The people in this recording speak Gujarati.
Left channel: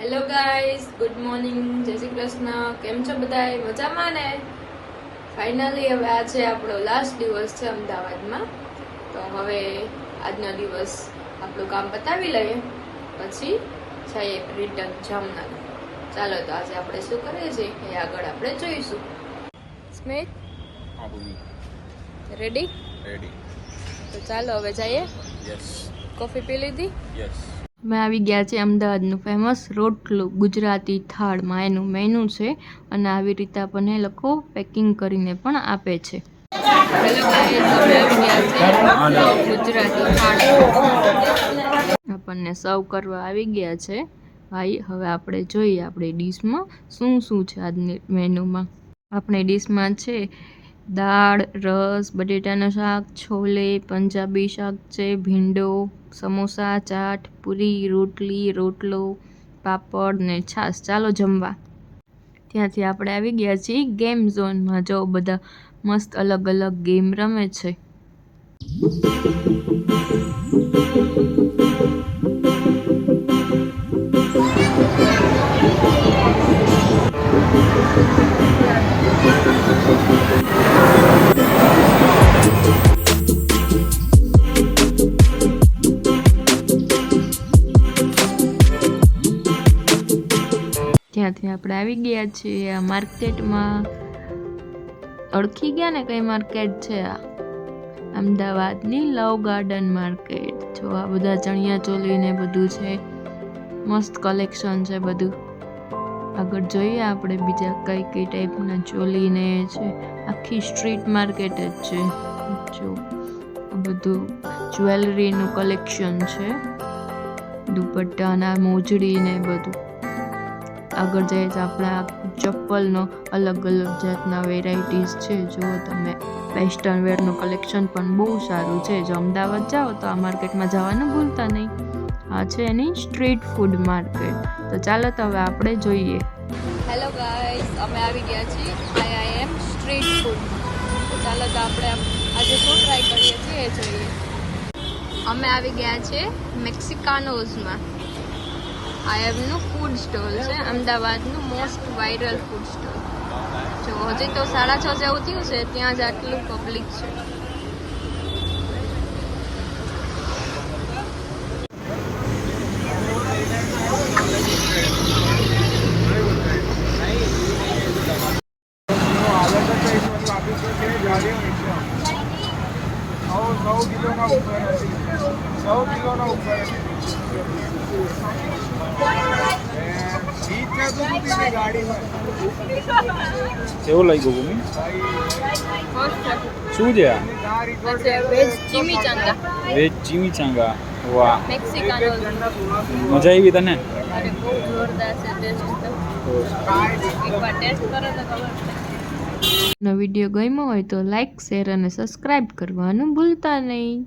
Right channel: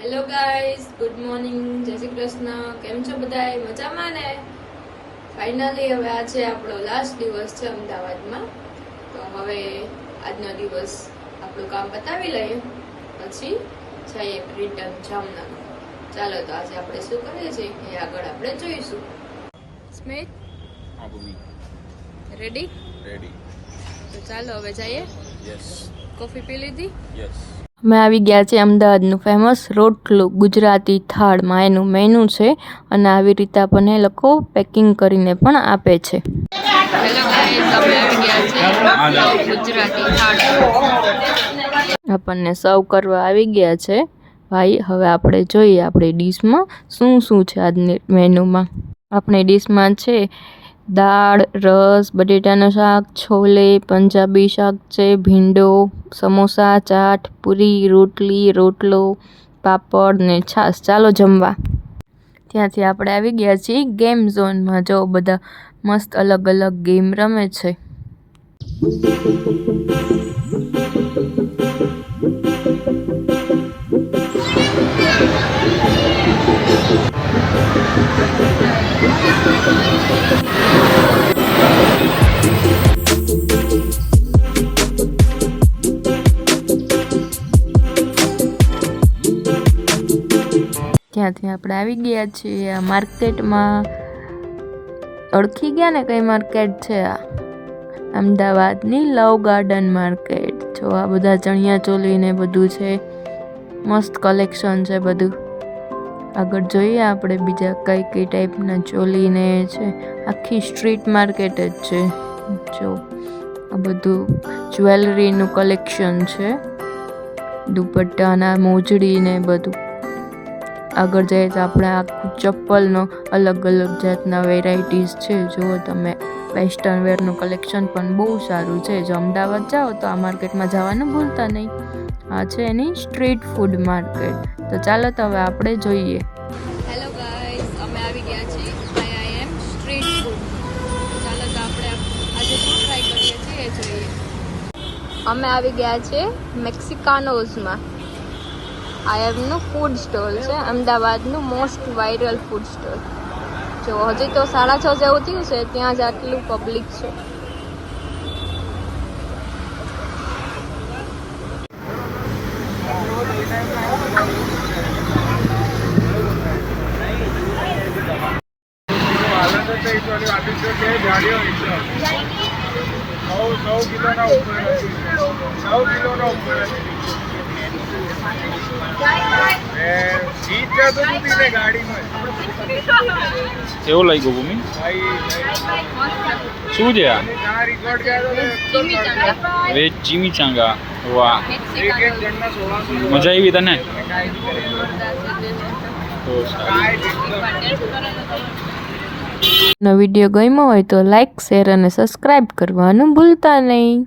હેલો ગાઈઝ ગુડ મોર્નિંગ જય શ્રી કૃષ્ણ. કેમ છો બધાય? મજામાં ને? ફાઇનલી હવે આ છે આપણો લાસ્ટ દિવસ છે અમદાવાદમાં. તો હવે આજનો દિવસ આપણું કામ પતાવી લઈએ. પછી જઈએ રિટર્ન જામનગર. ચાલો તો આજે આપણે શું કરીએ છીએ? એ આગળ આપણે જોઈશું. સ્મિત? રેડી રેડી તો ચાલો હવે જઈએ. યસ કોફી પી લીધી? યસ અમે આવી ગયા છે અમદાવાદનું ફેમસ રોટલું ગુજરાતી થાળમાં. એનું મેનુ છે અને આવી રીતે આપણને એ લોકો પેકિંગ કરીને પણ આપે છે. આપણને સર્વ કરવા આવી ગયા છે. ભાઈ હવે આપણે જોઈએ આપણી ડીશમાં શું શું છે આજની મેનુમાં આપણી ડીશમાં છે દાળ, રસ, બટેટાનું શાક, છોલે, પંજાબી શાક છે, ભીંડો, સમોસા, ચાટ, પૂરી, રોટલી, રોટલો, પાપડ ને છાશ. ચાલો જમવા. ત્યાંથી આપણે આવી ગયા છીએ ગેમ ઝોનમાં. જો બધા મસ્ત અલગ અલગ ગેમ રમે છે. ત્યાંથી આપણે આવી ગયા છીએ આ માર્કેટમાં. ઓળખી ગયા ને કઈ માર્કેટ છે આ? અમદાવાદની લવ ગાર્ડન માર્કેટ. જો આ બધા ચણિયા ચોલી ને બધું છે, મસ્ત કલેક્શન છે બધું. આગળ જોઈએ આપણે બીજા કઈ કઈ ટાઈપના ચોલી ને છે. આખી સ્ટ્રીટ માર્કેટ જ છે. જો આ બધું જ્વેલરીનું કલેક્શન છે. દુપટ્ટાના, મોજડી ને બધું. આગળ જઈએ તો આપણે આ ચપ્પલનો અલગ અલગ જાતના વેરાયટીઝ છે. જુઓ તમે, વેસ્ટર્ન વેરનું કલેક્શન પણ બહુ સારું છે. જો અમદાવાદ જાઓ તો આ માર્કેટમાં જવાનું ભૂલતા નહીં. આ છે એની સ્ટ્રીટ ફૂડ માર્કેટ. તો ચાલો તો હવે આપણે જોઈએ. હેલો ગાઈસ અમે આવી ગયા છીએ આઈઆઈએમ સ્ટ્રીટ ફૂડ. ચાલો તો આપણે આજે શું ટ્રાય કરીએ છીએ એ જોઈએ. અમે આવી ગયા છીએ મેક્સિકાનોઝમાં. આઈએમનું ફૂડ સ્ટોલ છે. અમદાવાદનું મોસ્ટ વાયરલ ફૂડ સ્ટોલ જો હજી તો સાડા છ જેવું થયું છે, ત્યાં જ આટલું પબ્લિક છે. કેવું લાગ્યું ભૂમિ? શું છે આ? ચીમી ચાંગા. વાહ. મજા આવી તને? વીડિયો ગમ્યો હોય તો લાઈક શેર અને સબસ્ક્રાઈબ કરવાનું ભૂલતા નહીં.